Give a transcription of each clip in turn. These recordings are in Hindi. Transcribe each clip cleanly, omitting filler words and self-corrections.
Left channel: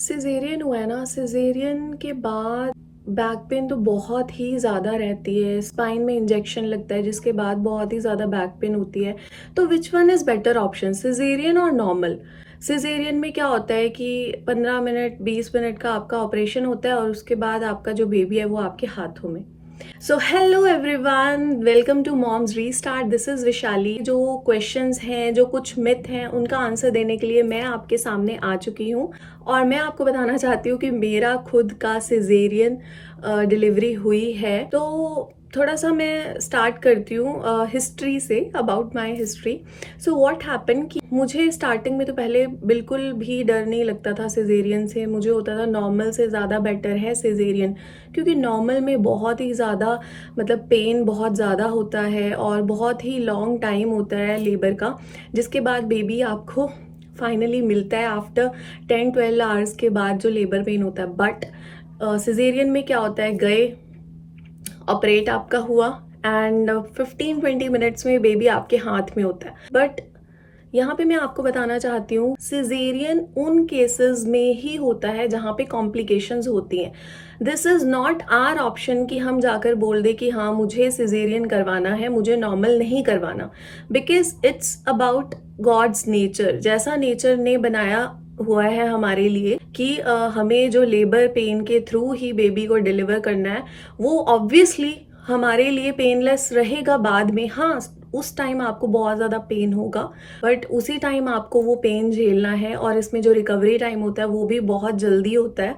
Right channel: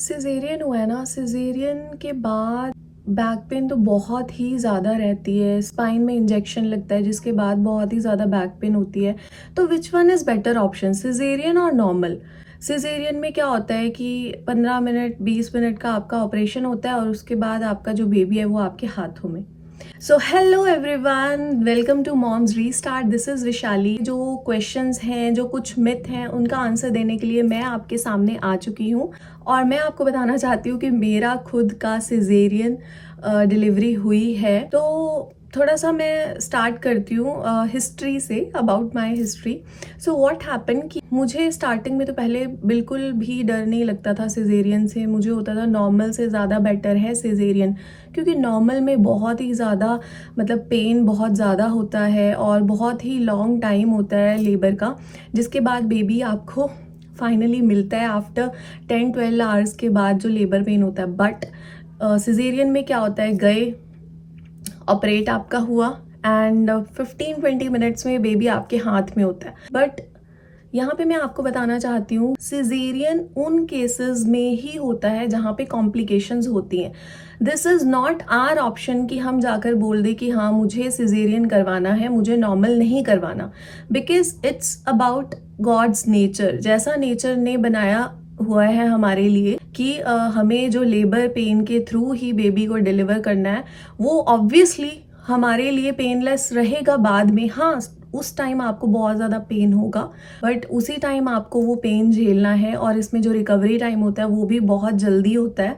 सिजेरियन हुआ है ना, सिजेरियन के बाद बैक पेन तो बहुत ही ज़्यादा रहती है। स्पाइन में इंजेक्शन लगता है जिसके बाद बहुत ही ज़्यादा बैक पेन होती है। तो which one is better option, caesarean और नॉर्मल? सिजेरियन में क्या होता है कि 15 मिनट 20 मिनट का आपका ऑपरेशन होता है और उसके बाद आपका जो बेबी है वो आपके हाथों में। So hello everyone, welcome to moms restart. This is Vishali. जो क्वेश्चंस हैं, जो कुछ मिथ हैं, उनका आंसर देने के लिए मैं आपके सामने आ चुकी हूँ और मैं आपको बताना चाहती हूँ कि मेरा खुद का सिजेरियन डिलीवरी हुई है। तो थोड़ा सा मैं स्टार्ट करती हूँ हिस्ट्री से, about my history. So what happen कि मुझे स्टार्टिंग में तो पहले बिल्कुल भी डर नहीं लगता था सिजेरियन से। मुझे होता था नॉर्मल से ज़्यादा बेटर है सिजेरियन, क्योंकि नॉर्मल में बहुत ही ज़्यादा मतलब पेन बहुत ज़्यादा होता है और बहुत ही लॉन्ग टाइम होता है लेबर का, जिसके बाद बेबी आपको फाइनली मिलता है आफ्टर 10-12 आवर्स के बाद जो लेबर पेन होता है। बट सिजेरियन में क्या होता है, गए ऑपरेट आपका हुआ एंड 15-20 मिनट्स में बेबी आपके हाथ में होता है। बट यहाँ पे मैं आपको बताना चाहती हूँ, सिजेरियन उन केसेस में ही होता है जहाँ पे कॉम्प्लिकेशंस होती हैं। This is not our option कि हम जाकर बोल दें कि हाँ मुझे सिजेरियन करवाना है, मुझे नॉर्मल नहीं करवाना, because it's about God's nature. जैसा नेचर ने बनाया हुआ है हमारे लिए कि हमें जो लेबर पेन के थ्रू ही बेबी को डिलीवर करना है, वो ऑब्वियसली हमारे लिए पेनलेस रहेगा बाद में। हाँ, उस टाइम आपको बहुत ज़्यादा पेन होगा, बट उसी टाइम आपको वो पेन झेलना है और इसमें जो रिकवरी टाइम होता है वो भी बहुत जल्दी होता है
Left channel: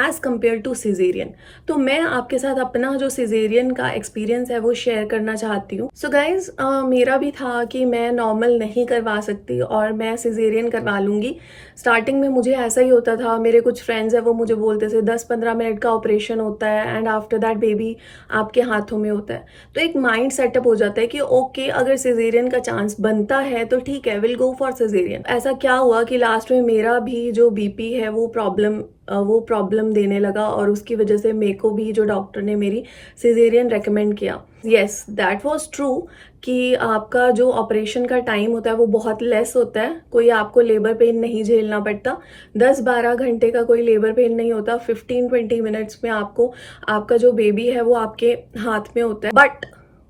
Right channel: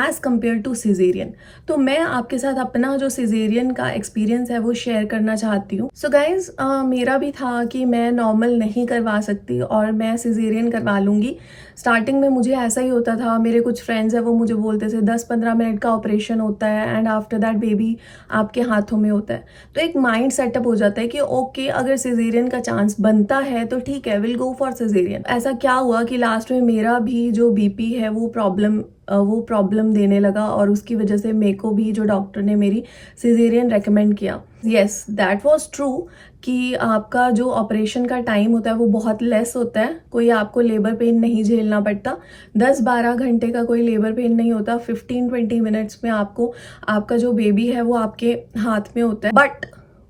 एज़ कम्पेयर टू सिजेरियन। तो मैं आपके साथ अपना जो सिजेरियन का एक्सपीरियंस है वो शेयर करना चाहती हूँ। सो गाइज, मेरा भी था कि मैं नॉर्मल नहीं करवा सकती और मैं सिजेरियन करवा लूँगी। स्टार्टिंग में मुझे ऐसा ही होता था। मेरे कुछ फ्रेंड्स हैं वो मुझे बोलते थे 10-15 मिनट का ऑपरेशन होता है एंड आफ्टर दैट बेबी आपके हाथों में होता है। तो एक माइंड सेटअप हो जाता है कि ओके, अगर सिजेरियन का चांस बनता है तो ठीक है, विल गो फॉर सिजेरियन। ऐसा क्या हुआ कि लास्ट में मेरा भी जो बीपी है वो प्रॉब्लम देने लगा और उसकी वजह से मेरे को भी जो डॉक्टर ने मेरी सिजेरियन रेकमेंड किया। येस, दैट वाज ट्रू कि आपका जो ऑपरेशन का टाइम होता है वो बहुत लेस होता है। कोई आपको लेबर पेन नहीं झेलना पड़ता, 10-12 घंटे का कोई लेबर पेन नहीं होता। 15-20 मिनट्स में आपको आपका जो बेबी है वो आपके हाथ में होता है। बट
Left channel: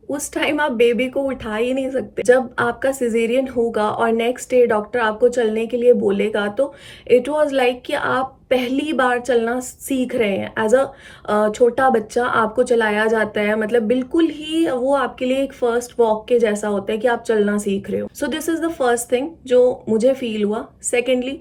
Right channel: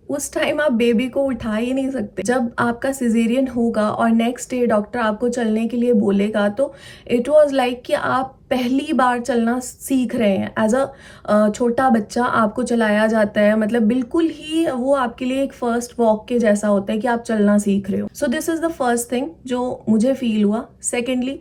उस टाइम आप बेबी को उठा ही नहीं सकते। जब आपका सिजेरियन होगा और नेक्स्ट डे डॉक्टर आपको चलने के लिए बोलेगा, तो इट वाज लाइक कि आप पहली बार चलना सीख रहे हैं। एज अ छोटा बच्चा आपको चलाया जाता है, मतलब बिल्कुल ही वो आपके लिए एक फर्स्ट वॉक के जैसा होता है कि आप चलना सीख रहे हो। So this is the first thing जो मुझे फील हुआ। सेकेंडली,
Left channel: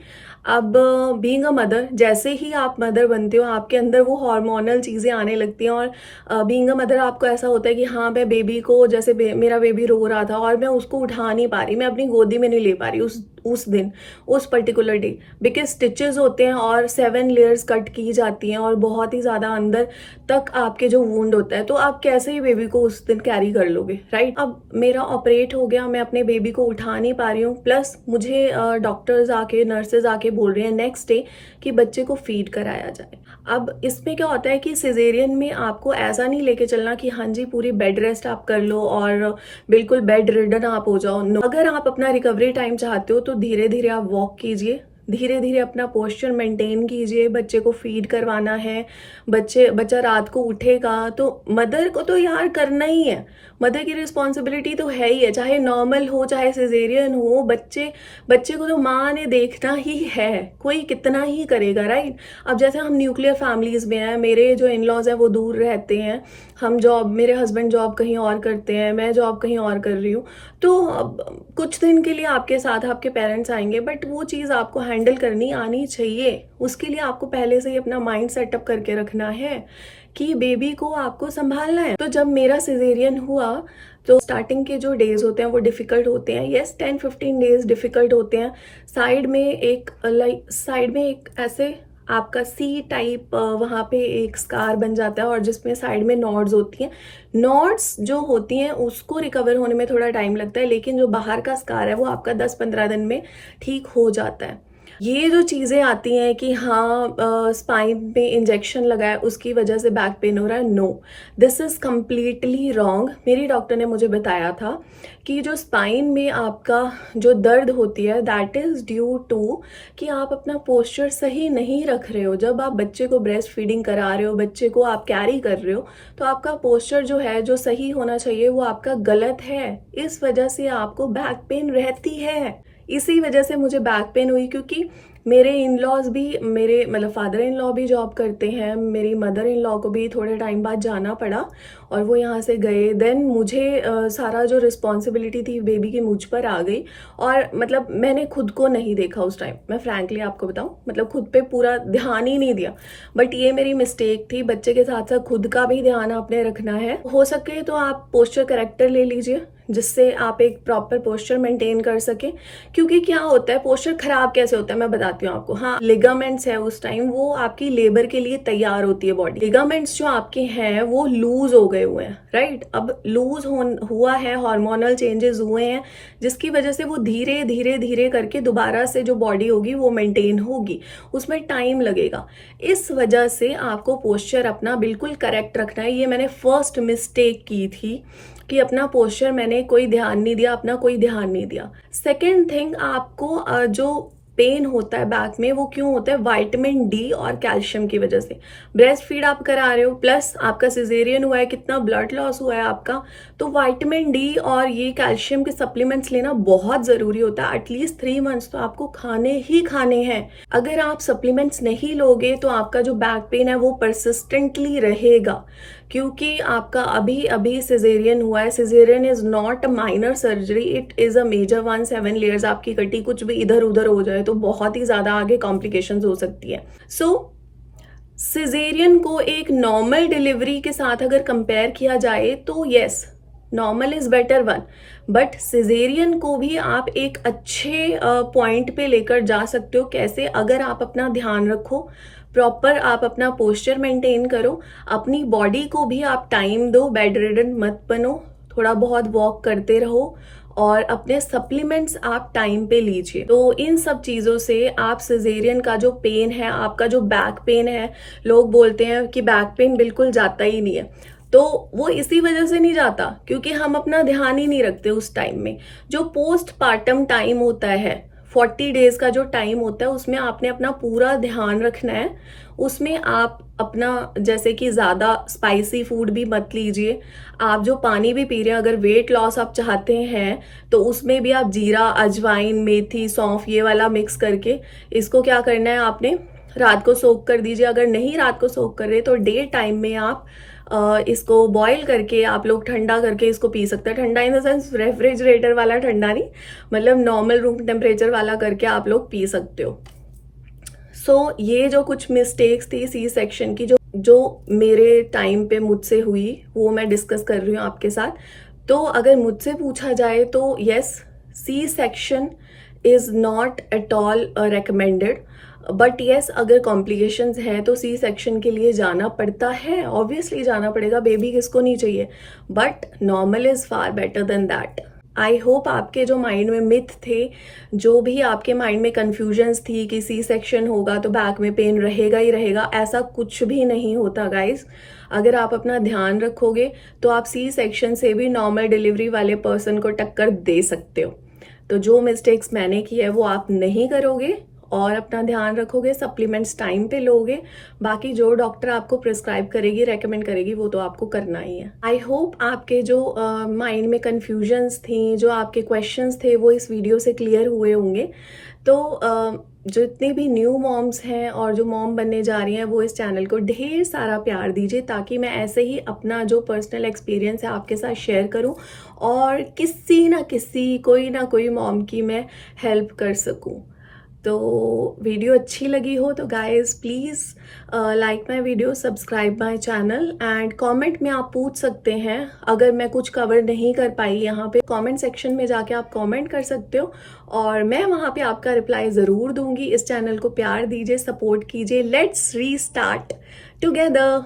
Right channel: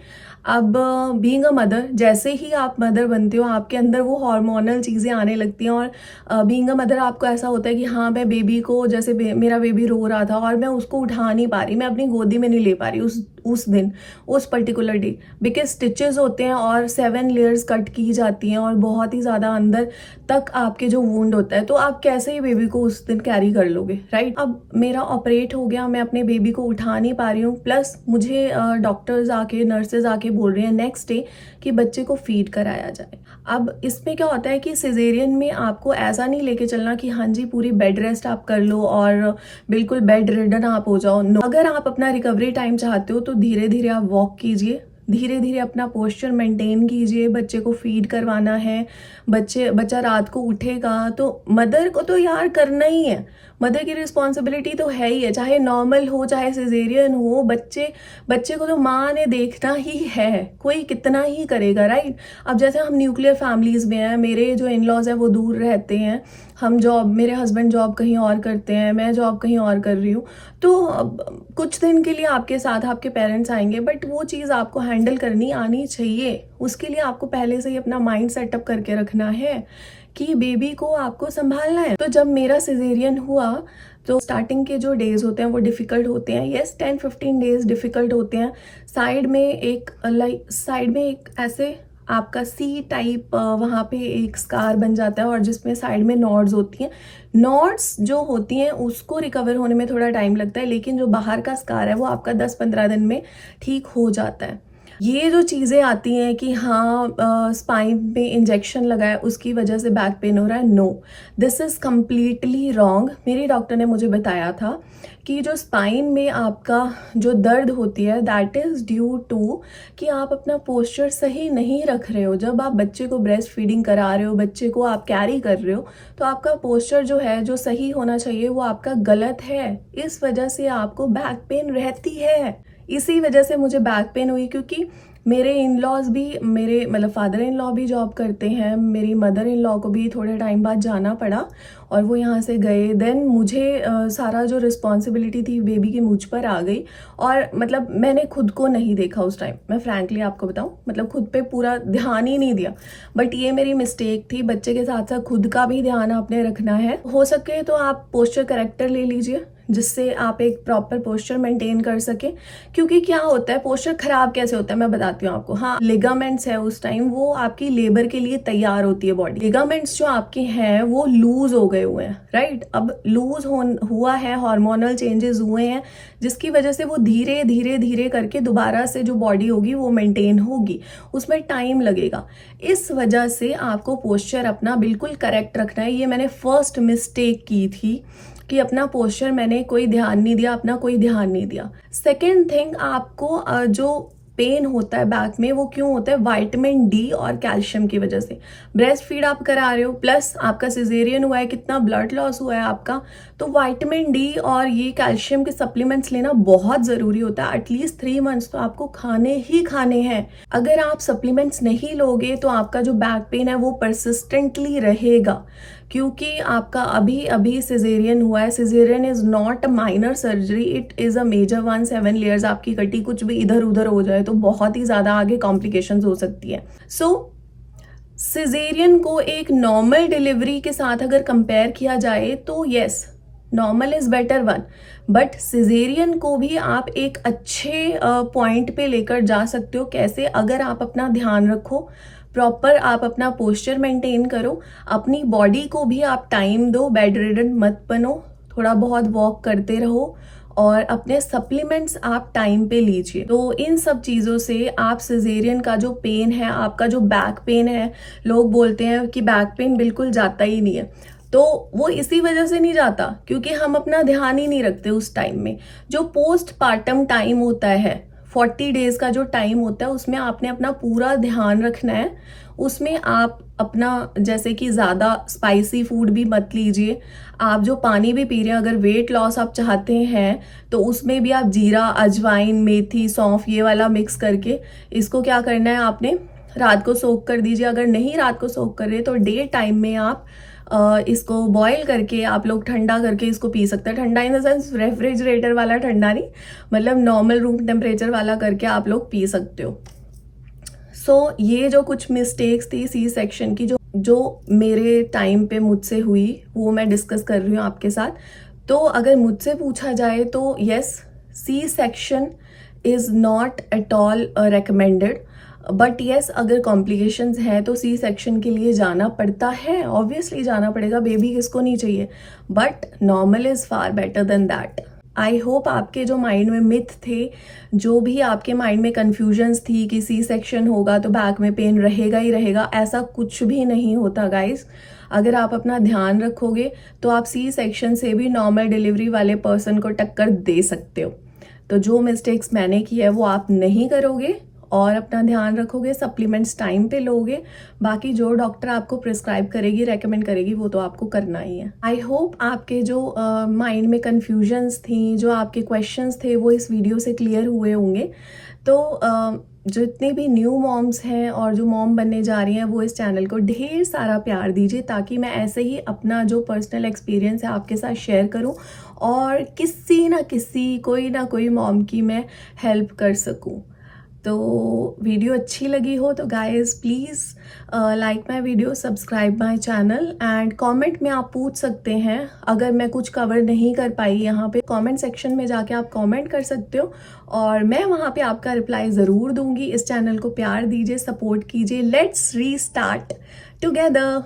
अब बीइंग अ मदर, जैसे ही आप मदर बनते हो आपके अंदर वो हार्मोनल चीज़ें आने लगती हैं और बीइंग अ मदर आपको ऐसा होता है कि हाँ, मैं बेबी को जैसे मेरा बेबी रो रहा था और मैं उसको उठा नहीं पा रही, मैं अपनी गोदी में नहीं ले पा रही उस दिन, उस पर्टिकुलर डे, बिकॉज स्टिचेस होते हैं और 7 लेयर्स कट की जाती हैं और बहुत ही ज़्यादा अंदर तक आपके जो वुंड होता है, तो आप कैसे ही बेबी को उस दिन कैरी कर लोगे, राइट? अब मेरा ऑपरेट हो गया, मैं अपने बेबी को उठा नहीं पा रही हूँ, प्लस मुझे डॉक्टर्स आके, नर्सेज आके बोल रही हैं नेक्स्ट डे कि बच्चे को फीड कराया जाए। अब इसमें क्या होता है कि सिजेरियन में आपको ऐसा नहीं लेके चलना कि हाँ जी पूरी बेड रेस्ट आप कर लो और बिल्कुल बेड रिडन आप हो जाओ। नो, अगर आप अपना रिकवरी टाइम चाहते हो तो धीरे धीरे आप वॉक कीजिए, धीरे धीरे अपना पोस्चर मेंटेन कीजिए। बच्चे को फीड करवाना है, बच्चा रात को उठेगा तो मदर को तो यार करना ही है, मदर की रिस्पॉन्सिबिलिटी तो है ही है, चाहे नॉर्मल हो चाहे सिजेरियन हो। बच्चे को तो माँ ने देखना ही है, कोई कितना ही करेगा, राइट? अब जैसे हम न्यूक्लियर फैमिलीज में हैं, मेरे जो इन लॉज हैं वो दूर रहते हैं, हम जॉब, मेरे हस्बैंड जॉब कहीं और करते हैं, मैं जॉब कहीं और कर रही हूँ, तो कुछ दिन के लिए आपके साथ आपके पेरेंट्स आएंगे, बट वो चीज़ आपको हैंडल करनी आनी चाहिए। उसके लिए आपको पहले से ही अपना माइंड सेटअप करके रखना है कि बेबी को आपको संभालना है। तो जब मेरा सिजेरियन हुआ तो स्टार्टिंग के जो डेज होते हैं वो डिफ़िकल्ट होते हैं। येस, 10-15 डेज डिफ़िकल्ट होते हैं। साइड में एक ऐसे आपका सी टाइप वहाँ पे एक स्कार बन जाता है और जिसमें साइड में नॉड्स होती हैं। नॉड्स जो होती हैं उसको रिकवर होने में थोड़ा टाइम लगता है, लेकिन जो बाहर का स्कार है वो आपका 10-15 दिन में ठीक हो जाता है। ये जो चीज़ें आती हैं कि हाँ स्पाइन में इंजेक्शन लगा है उसकी वजह से बैक पेन हो रहा है, no, this is completely wrong. मेरी डॉक्टर ने मुझे बताया था कि जो स्पाइन में आपका जो दर्द होती है दैट इज़ ड्यू टू कि आप अपना पोस्चर सही नहीं रख रहे हो। जब आप बच्चे को ब्रेस्ट फीडिंग करा रहे हो, बच्चे को आप कैरी कर रहे हो, तो आपका पोस्चर जो है, जो सही होना चाहिए, वो आपका गलत है। इस वजह से आपको बैक पेन रहती है। इसी वजह से मुझे बैक पेन हुई, क्योंकि मेरे इन लॉज भी, मेरे मतलब फादर इन लॉ भी जॉब करते हैं, मेरी मदर इन लॉ को भी थोड़े टाइम बाद जाना पड़ा और वो यहाँ से गए। देन मुझे सारा जो रिस्पॉन्सिबिलिटी थी बेबी की मुझ पर आ गई और मतलब मैंने खुद को नहीं देखा उस टाइम। मैं फ्रैंकली आपको बताऊँ, मतलब खुद पे पूरा ध्यान ही नहीं दिया। बट ये मेरी मिस्टेक थी। बच्चे के साथ साथ खुद का भी ध्यान आपने रखना है। हो सके तो आप पोस्चर करेक्टर ले लीजिए जिससे आप एक प्रॉपर पोस्चर मेंटेन कर सके। क्योंकि क्या होता है, पोस्चर खराब कैसे होता है मैं बताती हूँ आपको। हाँ, लिगामेंट्स है उस टाइम, वो आपकी लेबर के लिए तैयार होती है बॉडी। लिगामेंट्स जो आपके हैं वो लूज हो गए हुए हैं, राइट। अब लूज हुआ है, हार्मोनल चेंजेस हुए हैं, जिसकी वजह से वो धीरे धीरे धीरे करके दोबारा से जो बॉडी होगी वो मेंटेन होगी, उसमें टाइम लगेगा। इस वजह से आपको पोस्चर अपना बिल्कुल करेक्ट रखना है। ये मैंने फर्स्ट मिस्टेक की थी कि अपना पोस्चर मैंने कोई ध्यान नहीं दिया, अपना कोई ध्यान नहीं दिया। सेकेंड थिंग, आपको जो पेन होता है बैक में वो क्यों होता है, विटामिन डी और कैल्शियम की वजह से। ब्रेस्ट फीड आप करा रहे हो, प्लस आपका सिजेरियन हुआ है, कितना ब्लड लॉस हुआ है आपका, तो विटामिन डी और ये कैल्शियम के सप्लीमेंट्स लेना बहुत ज़रूरी होता है। एटलीस्ट 3 मंथ्स तो आपको खाने ही खाने हैं। अगर आप सप्लीमेंट्स नहीं लोगे तो आपका जो बैक पेन है वो परसिस्टेंटली रहेगा, क्योंकि आपका अभी अभी सिजेरियन हुआ है। Caesarean is not a minor surgery, it is a major one. 7 layers आपकी कटी कुछ भी इधर उधर हो जाए तो बहुत ही ज़्यादा आगे कॉम्प्लिकेशंस हो सकती है। सो सिजेरियन को एक नॉर्मल डिलीवरी के साथ अगर कंपेयर किया जाए तो yes, normal is better one, but caesarean को भी आप एक अच्छे पॉइंट पे लेकर जा सकते हो। कैसे? अगर आप अपना ध्यान रखो, प्रॉपर आप अपना पोस्चर मेंटेन करो, अपनी बॉडी को भी आप टाइम दो, बेड रिडन मत बनो, थोड़ा बहुत वॉक करते रहो और अपने सप्लीमेंट्स आप टाइम पे लीजिए। तो इन सब चीज़ों से आप सिजेरियन का जो पेन है, आपका जो बैक पेन है, लोग बोलते हैं कि बैक पेन बिल्कुल जाता ही नहीं है, तो वो इसी वजह से नहीं जाता क्योंकि हम अपना ध्यान ही नहीं रखते उस टाइम में। जो पोस्ट पार्टम टाइम होता है, 40 डेज का जो टाइम होता है, उसमें आपने अपना पूरा ध्यान रखना है। उसमें आप अपना, जैसे कि ज़्यादा स्पाइसी फूड भी मत लीजिए। आप जो पानी भी पी रहे हैं, अगर वेट लॉस आप चाहते हैं तो उसमें भी आप जीरा, अजवाइन, मेथी, सौंफ ये वाला मिक्स करके इसको क्या करना है, आपने रात को सोक कर दीजिए। अगर नहीं रात को सोक कर रहे तो डे टाइम में आप इसको बॉईल करके आप लोग ठंडा करके इसको पी सकते हैं। ठंडा इन द सेंस रेफ्रिजरेटर वाला ठंडा नहीं, मतलब नॉर्मल रूम टेम्परेचर वाला करके आप लोग पी सकते हो। सो ये जो कुछ मिस्टेक्स थी सी सेक्शन की, जो मेरे टाइम पे मुझसे हुई, वो मैं डिस्कस कर रही हूँ आपके साथ। तो अगर मुझसे पूछा जाए तो yes, C section is not at all recommended, but yes अगर कॉम्प्लिकेशंस हैं तो सी सेक्शन के लिए जाना पड़ता है, ऑब्वियसली जाना पड़ेगा, बेबी किसको नहीं चाहिए, but normal is far better than that. I hope आपके जो माइंड में मिथ थे, जो भी आपके माइंड में कन्फ्यूजन्स थी कि सी सेक्शन होगा तो बैक में पेन रहेगा ही रहेगा, ऐसा कुछ भी नहीं होता गाइस। अगर आप अपना ध्यान रखोगे तो आप सी सेक्शन से भी नॉर्मल डिलीवरी वाले पर्सन को टक्कर दे सकते हो। तो जो मिस्टेक्स मैंने की है वो आप नहीं करोगे और अपना ध्यान रखोगे, सप्लीमेंट्स टाइम पे लोगे, बाकी जो डॉक्टर आपको प्रिस्क्राइब करेगी, रेकमेंड करेगी, वो तो आपको करना ही है। आई होप आपके जो माइंड में कन्फ्यूजन्स थी, जो आपके क्वेश्चंस थे, वो इस वीडियो से क्लियर हुए होंगे। तो जितनी भी न्यू मॉम्स हैं और जो मॉम बनने जा रही हैं, वो इस चैनल को ढेर सारा प्यार दीजिए, ताकि मैं ऐसे ही अपना जो पर्सनल एक्सपीरियंस है आपके साथ शेयर करूं और किसी ना किसी, कोई ना कोई मॉम की मैं हेल्प कर सकूं। तो वीडियो अच्छी लगी हो तो guys please like my video, subscribe my channel and comment में आप पूछ सकते हैं। अगर मैं कुछ कवर नहीं कर पाई यहाँ पे, कमेंट सेक्शन में जाके आप कमेंट कर सकते हो और मैं वहाँ पे आपका रिप्लाई ज़रूर दूंगी। इस चैनल को प्यार दीजिए, सपोर्ट कीजिए। Let's restart together.